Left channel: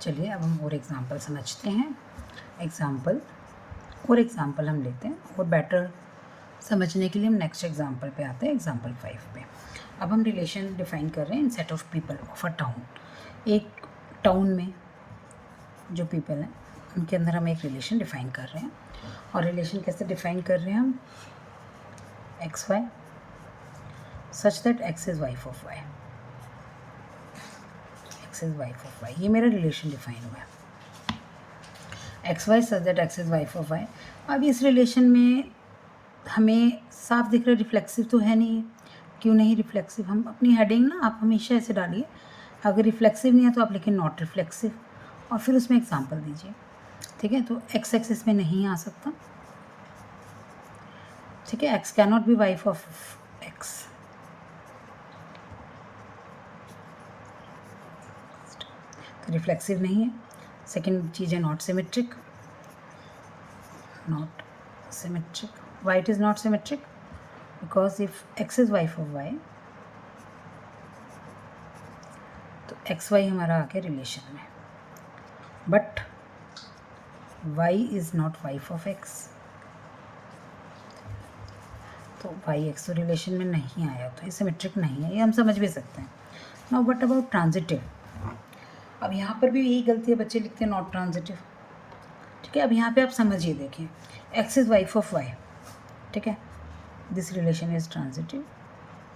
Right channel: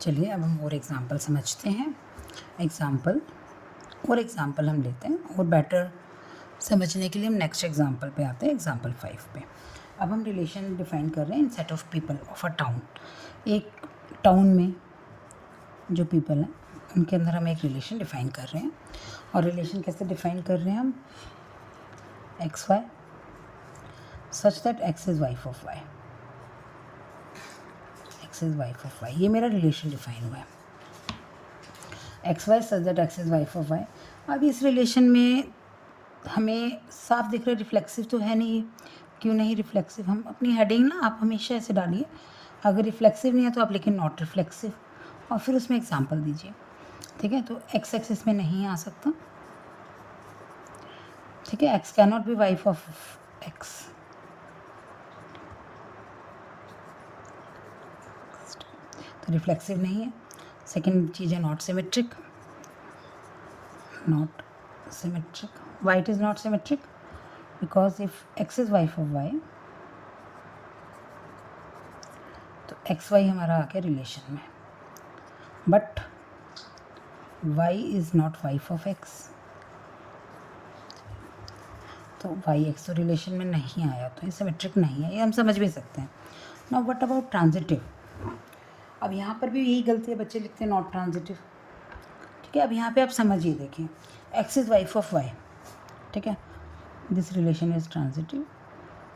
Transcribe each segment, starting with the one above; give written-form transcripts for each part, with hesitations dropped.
चलिए अब हम और एग्जांपल समझते हैं। एग्जांपल हम लेते हैं और बेटर समझने के लिए हम नेक्स्ट एग्जांपल पे आते हैं, एग्जांपल 5 पे। अब हम रिलेशन डिफाइन कर रहे हैं इन set of people of a town. एक टाउन में जो पीपल हैं उनके अंदर हम एक रिलेशन डिफाइन कर रहे हैं। और रिलेशन कैसे डिफाइन कर रहे हैं हम? X Y such that X is wife of Y. X is wife of Y, ये मेरा रिलेशन डिफाइन हुआ है। X Y such that X is wife of Y. अब इस रिलेशन में हमें साफ दिख रहा है, रिफ्लेक्सिव तो है नहीं ये। क्यों नहीं रिफ्लेक्सिव? हम अपनी हेडिंग ना आप हमेशा ऐसे डालिए, अगर रिफ्लेक्सिव नहीं है तो आप लिखिए नॉट रिफ्लेक्सिव और फिर उसमें एग्जाम्पल दीजिए। ठीक है, तो एक्स एक्सिस में नहीं आ सकता। ठीक है, x cannot be wife of x. तो रिफ्लेक्सिव नहीं है। सेकेंड चीज़ है not symmetric. Not symmetric, why it is not symmetric? Because if x is wife of y तो एक्स वाई हमारा आ गया रिलेशन में, but y is not wife of x, तो Y x तो रिलेशन में नहीं आया, तो ये सिमेट्रिक नहीं है, ये हम समझ भी सकते हैं। Now what about transitive? अब यहाँ पर भी यही गलती है, बच्चे लिखते हैं नॉट ट्रांजिटिव। ठीक है, अब यहाँ पे आप समझिए, देखिए X is wife of Y. ठीक है, दिस रिलेशन इज ट्रांजिटिव।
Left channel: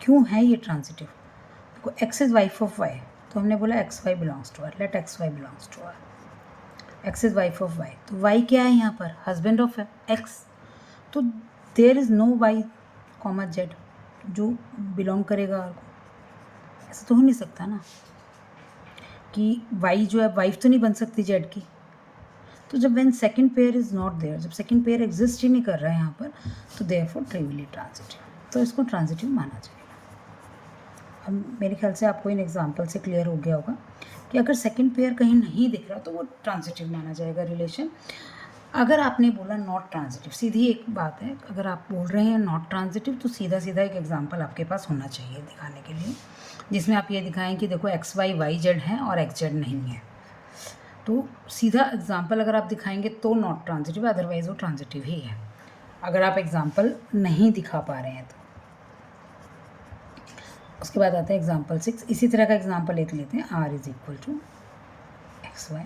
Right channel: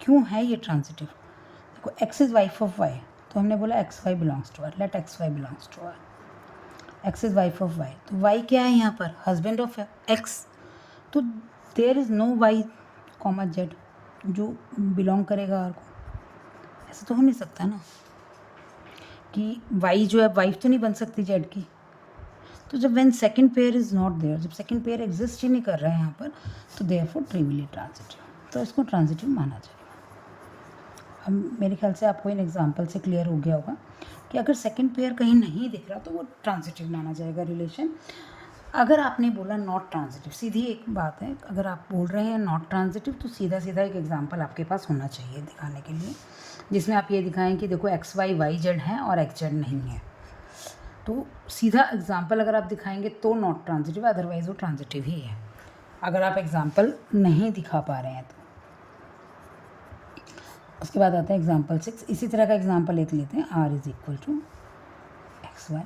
क्यों है ये ट्रांजिटिव? देखो x is wife of Y, तो हमने बोला x y belongs to R, let x y belongs to R. X is wife of Y, तो वाई क्या है यहाँ पर? Husband of x. तो there is no y comma z जो बिलोंग करेगा और को। ऐसा तो हो नहीं सकता ना कि वाई जो है वाइफ तो नहीं बन सकती जेड की। तो जब when second pair is not there, जब सेकंड पेयर एग्जिस्ट ही नहीं कर रहा है यहाँ पर, तो देयरफॉर ट्रिवियली ट्रांजिटिव, तो इसको ट्रांजिटिव माना जाएगा। अब मेरे ख्याल से आपको इन एग्जांपल से क्लियर हो गया होगा कि अगर सेकंड पेयर कहीं नहीं दिख रहा तो वो ट्रांजिटिव माना जाएगा रिलेशन। अगर आपने बोला नॉट ट्रांजिटिव, सीधी एक बात है, अगर आप बोल रहे हैं नॉट ट्रांजिटिव तो सीधा सीधा एक एग्जांपल आपके पास होना चाहिए दिखाने के लिए, जिसमें आप ये दिखाएं कि देखो एक्स वाई वाई जेड हैं और एक्स जेड नहीं है। तो सीधा एग्जांपल अगर आप दिखाएंगे तो नॉट ट्रांजिटिव, अदरवाइज वो ट्रांजिटिव ही है। अगर आप एग्जांपल नहीं दिखा पा रहे हैं तो उसके बाद आता है एग्जांपल 6। इसी तरह का एग्जांपल एक लेते हैं, R is equal to X Y.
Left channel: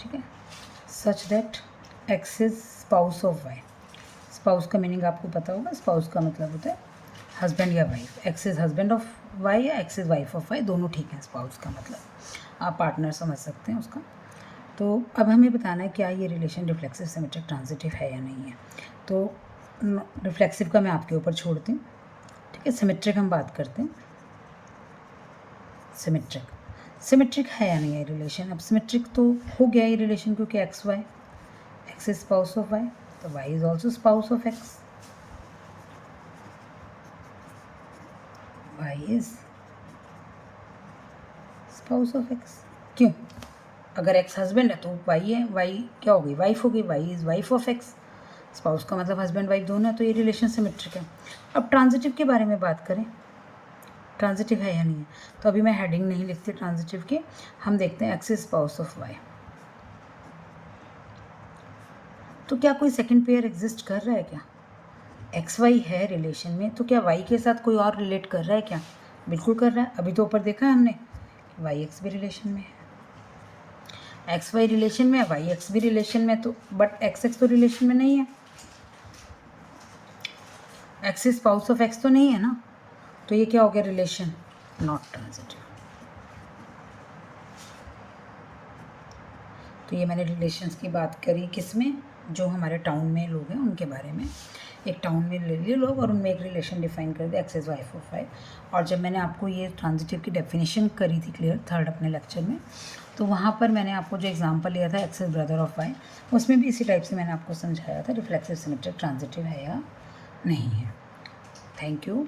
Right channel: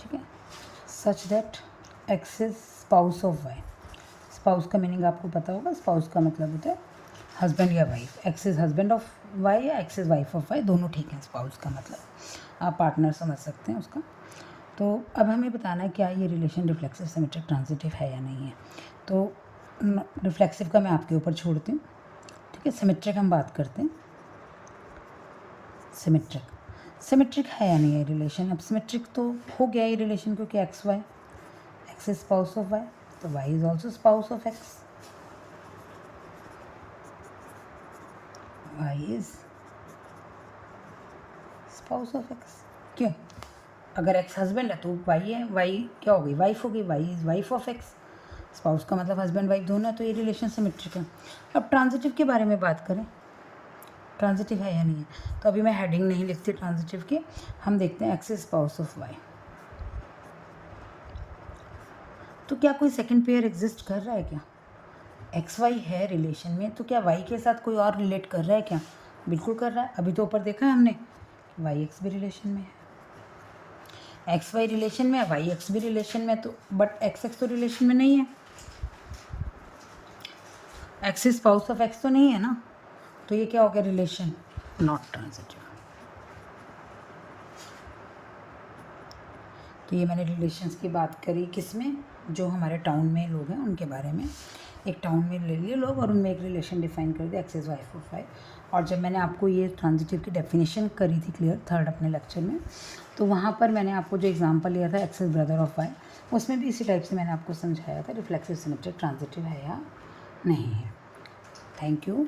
ठीक है, such that X is spouse of Y. Spouse का मीनिंग आपको पता होगा, स्पाउस का मतलब होता है हस्बैंड या wife. X is husband of y या x is wife of y, दोनों ठीक है। स्पाउस का मतलब आप पार्टनर समझ सकते हैं उसका। तो अब हमें बताना है क्या ये रिलेशन रिफ्लेक्सिव सिमेट्रिक ट्रांजिटिव है या नहीं है। तो रिफ्लेक्सिव का मैं आपके ऊपर छोड़ती हूँ। ठीक है, सिमेट्रिक हम बात करते हैं। सिमेट्रिक है या नहीं है रिलेशन? अब सिमेट्रिक तो हो गया ये रिलेशन, क्योंकि x y, x is spouse of Y, तो y is also spouse of x. Y is spouse of x. क्यों? अगर एक्स हस्बैंड है तो वाई है, वाई क्या हो गई? वाइफ हो गई, Y is wife of X. Spouse का मतलब हस्बैंड वाइफ दोनों है, तो ये रिलेशन सिमेट्रिक है। अब ट्रांजिटिव के बारे में बात करें, ट्रांजिटिव है या नहीं है, तो अभी मैं हेडिंग नहीं लिखती ट्रांजिटिव की, हम देखते हैं X is spouse of Y. तो क्या कोई सेकंड पेयर एग्जिस्ट कर रहा है क्या? एक्स वाई है रिलेशन में, तो क्या वाई के साथ कोई और रिलेट कर रहा है क्या? बिल्कुल कर रहा है। अभी तो ऊपर देखा है हमने वाई एक्स भी रिलेशन में है, एक्स वाई रिलेशन में है, वाई एक्स भी रिलेशन में, तो बट एक्स एक्स तो रिलेशन में नहीं है, x is spouse of x तो नहीं है ना, तो ये क्या हो गया? Relation not transitive. तो ये मैंने रिलेशंस की बात करी किसमें? जो हमारे टाउन में लोग हैं उनके बारे में। एक टाउन में ले लिए लोग और उनमें एक रिलेशन डिफाइन कर दिया, X is wife of Y. और जब मैंने आपको ये ट्रांजिटिव की डेफिनेशन करी थी क्लियर थर्ड अपने लेक्चर में, तो वहाँ पर मैंने आपको जो एग्जांपल लिया था X is brother of Y, उसमें भी इसी टाइप से मैंने आपको समझाया था रिफ्लेक्सिव सिमेट्रिक ट्रांजिटिव है या नहीं है। Thank you.